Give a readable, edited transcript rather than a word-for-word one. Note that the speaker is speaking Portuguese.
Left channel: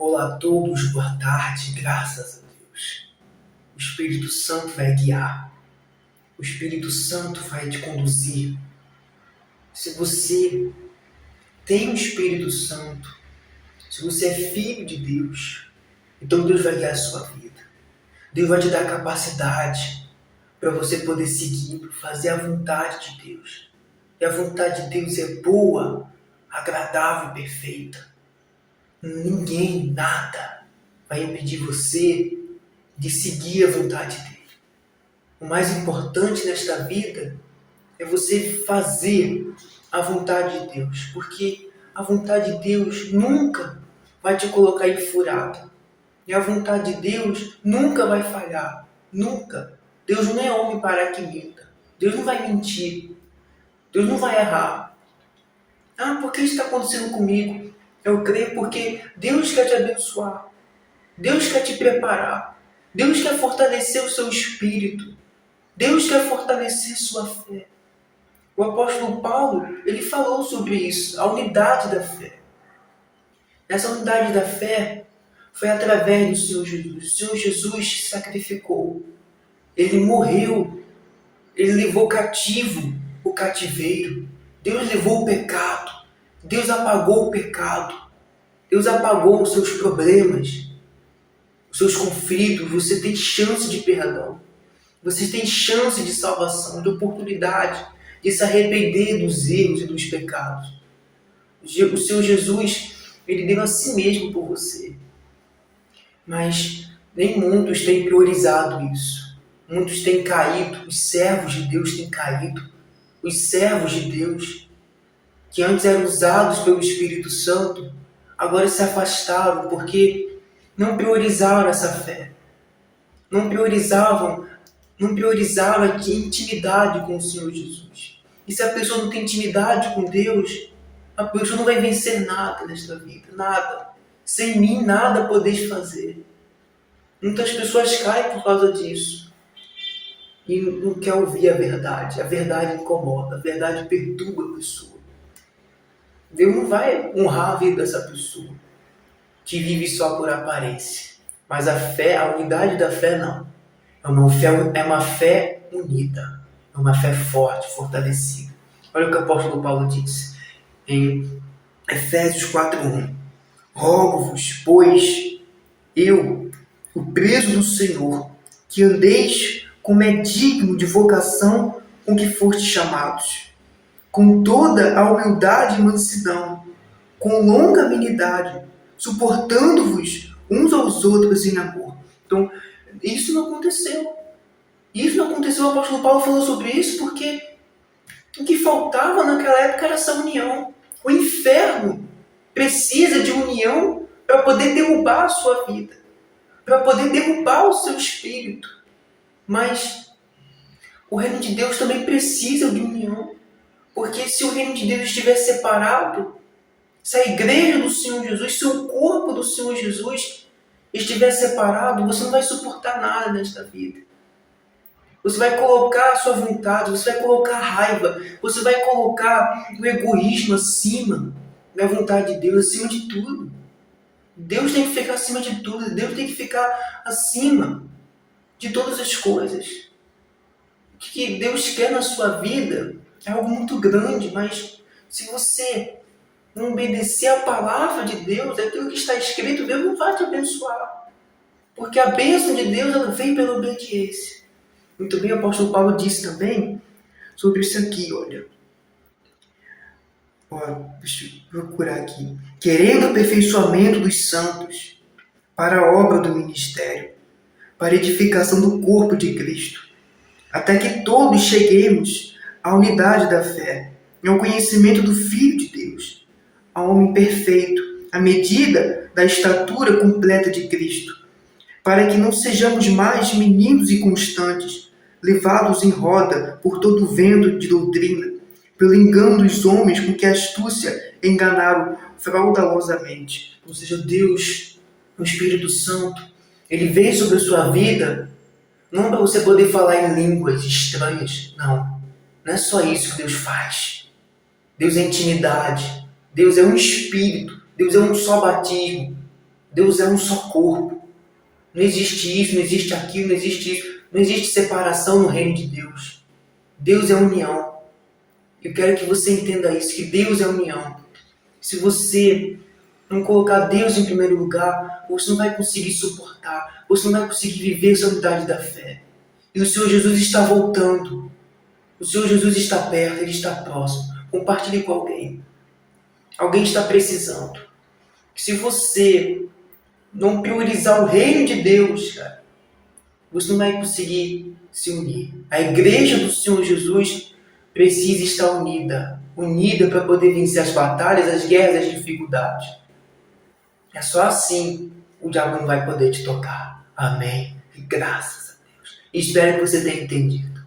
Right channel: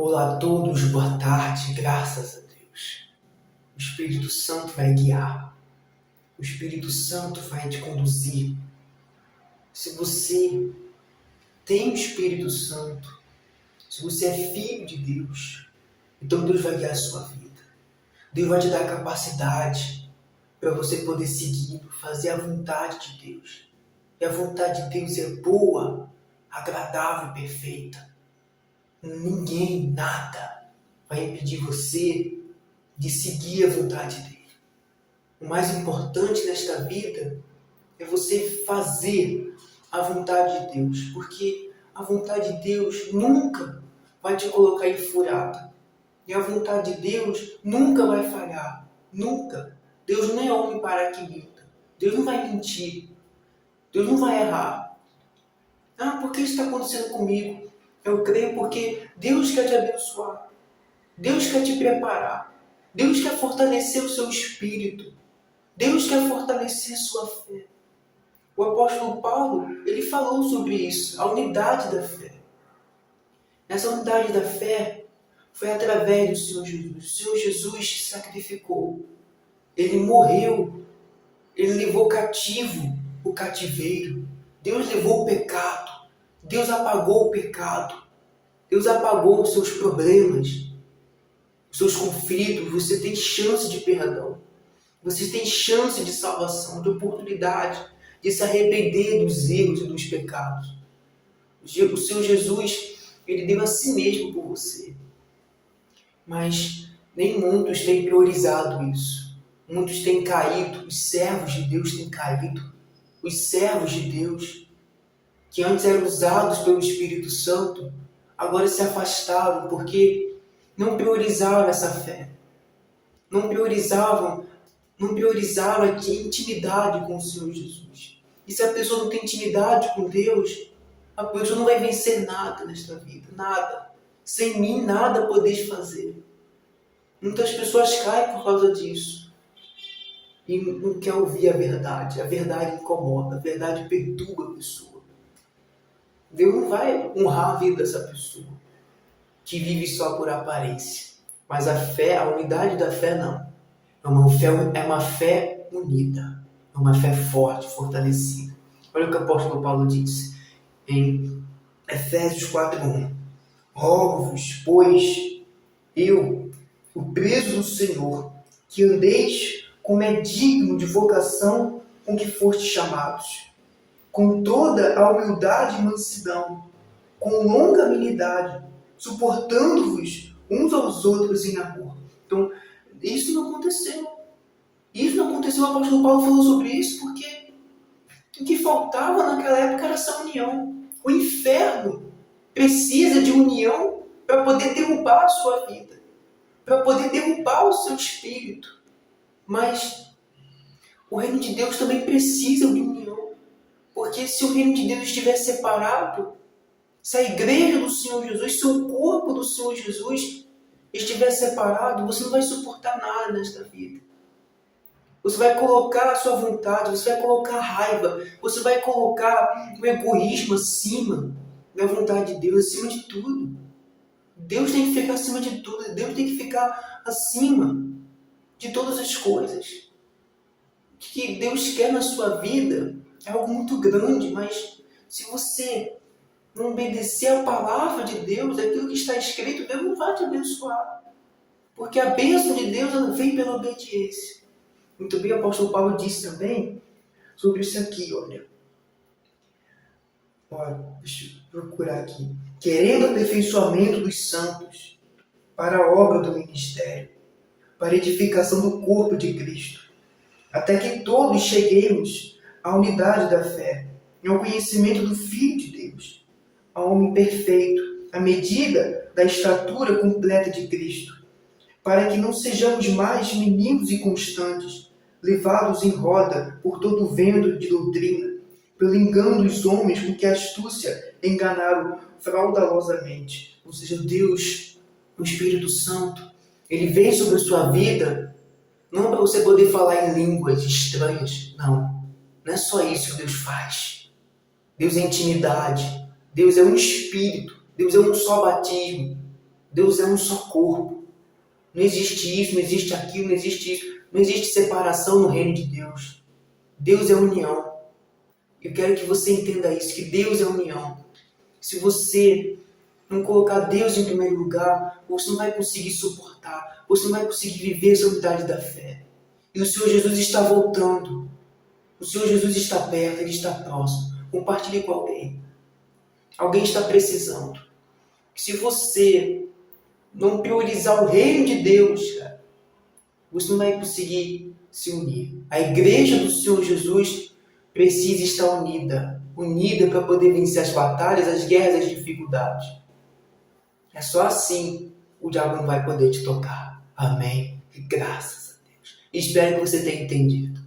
Olá a todos, boa tarde, graças a Deus. O Espírito Santo vai guiar, o Espírito Santo vai te conduzir. Se você tem o Espírito Santo, se você é filho de Deus, então Deus vai guiar a sua vida. Deus vai te dar capacidade para você poder seguir, fazer a vontade de Deus. E a vontade de Deus é boa, agradável e perfeita. Ninguém, nada vai impedir você de seguir a vontade dele. O mais importante nesta vida é você fazer a vontade de Deus, porque a vontade de Deus nunca vai te colocar em furada. E a vontade de Deus nunca vai falhar, nunca. Deus não é homem para que minta. Deus não vai mentir. Deus não vai errar. Por que isso está acontecendo comigo? Eu creio porque Deus quer te abençoar. Deus quer te preparar. Deus quer fortalecer o seu espírito. Deus quer fortalecer sua fé. O apóstolo Paulo, ele falou sobre isso, a unidade da fé. Essa unidade da fé foi através do Senhor Jesus. O Senhor Jesus se sacrificou. Ele morreu. Ele levou cativo o cativeiro. Deus levou o pecado. Deus apagou o pecado. Deus apagou os seus problemas, os seus conflitos. Você tem chance de perdão. Você tem chance de salvação, de oportunidade, de se arrepender dos erros e dos pecados. O Senhor Jesus, ele deu a si mesmo por você. Mas nem muitos têm priorizado isso. Muitos têm caído, os servos de Deus têm caído. Os servos de Deus, que antes eram usados pelo Espírito Santo, agora se afastaram porque não priorizaram essa fé. Não priorizaram a intimidade com o Senhor Jesus. E se a pessoa não tem intimidade com Deus, a pessoa não vai vencer nada nesta vida. Nada. Sem mim, nada podeis fazer. Muitas pessoas caem por causa disso. E não quer ouvir a verdade. A verdade incomoda. A verdade perturba a pessoa. Deus não vai honrar a vida dessa pessoa que vive só por aparência. Mas a fé, a unidade da fé, não. É uma fé unida. É uma fé forte, fortalecida. Olha o que o apóstolo Paulo diz em Efésios 4:1. Rogo-vos, pois, eu, o preso do Senhor, que andeis como é digno de vocação com que fostes chamados, com toda a humildade e mansidão, com longa amenidade, suportando-vos uns aos outros em amor. Então, isso não aconteceu. O apóstolo Paulo falou sobre isso porque o que faltava naquela época era essa união. O inferno precisa de união para poder derrubar a sua vida, para poder derrubar o seu espírito. Mas o reino de Deus também precisa de união, porque se o reino de Deus estiver separado, se a igreja do Senhor Jesus, se o corpo do Senhor Jesus estiver separado, você não vai suportar nada nesta vida. Você vai colocar a sua vontade, você vai colocar a raiva, você vai colocar o egoísmo acima da vontade de Deus, acima de tudo. Deus tem que ficar acima de tudo, Deus tem que ficar acima de todas as coisas. O que Deus quer na sua vida é algo muito grande, mas se você não obedecer a palavra de Deus, aquilo que está escrito, Deus não vai te abençoar. Porque a bênção de Deus, ela vem pela obediência. Muito bem, o apóstolo Paulo disse também sobre isso aqui, olha. Deixa eu procurar aqui. Querendo o aperfeiçoamento dos santos para a obra do ministério, para a edificação do corpo de Cristo, até que todos cheguemos à unidade da fé e ao conhecimento do Filho de Deus, ao homem perfeito, à medida da estatura completa de Cristo, para que não sejamos mais meninos inconstantes, levados em roda por todo o vento de doutrina, pelo engano dos homens com que a astúcia enganaram fraudulosamente. Ou seja, Deus, o Espírito Santo, ele vem sobre a sua vida, não para você poder falar em línguas estranhas, não. Não é só isso que Deus faz. Deus é intimidade, Deus é um Espírito, Deus é um só batismo. Deus é um só corpo. Não existe isso, não existe aquilo, não existe isso. Não existe separação no reino de Deus. Deus é união. Eu quero que você entenda isso, que Deus é união. Se você não colocar Deus em primeiro lugar, você não vai conseguir suportar, você não vai conseguir viver essa unidade da fé. E o Senhor Jesus está voltando. O Senhor Jesus está perto, Ele está próximo. Compartilhe com alguém. Alguém está precisando. Se você não priorizar o reino de Deus, cara, você não vai conseguir se unir. A igreja do Senhor Jesus precisa estar unida. Unida para poder vencer as batalhas, as guerras, as dificuldades. É só assim o diabo não vai poder te tocar. Amém. E graças a Deus. Espero que você tenha entendido.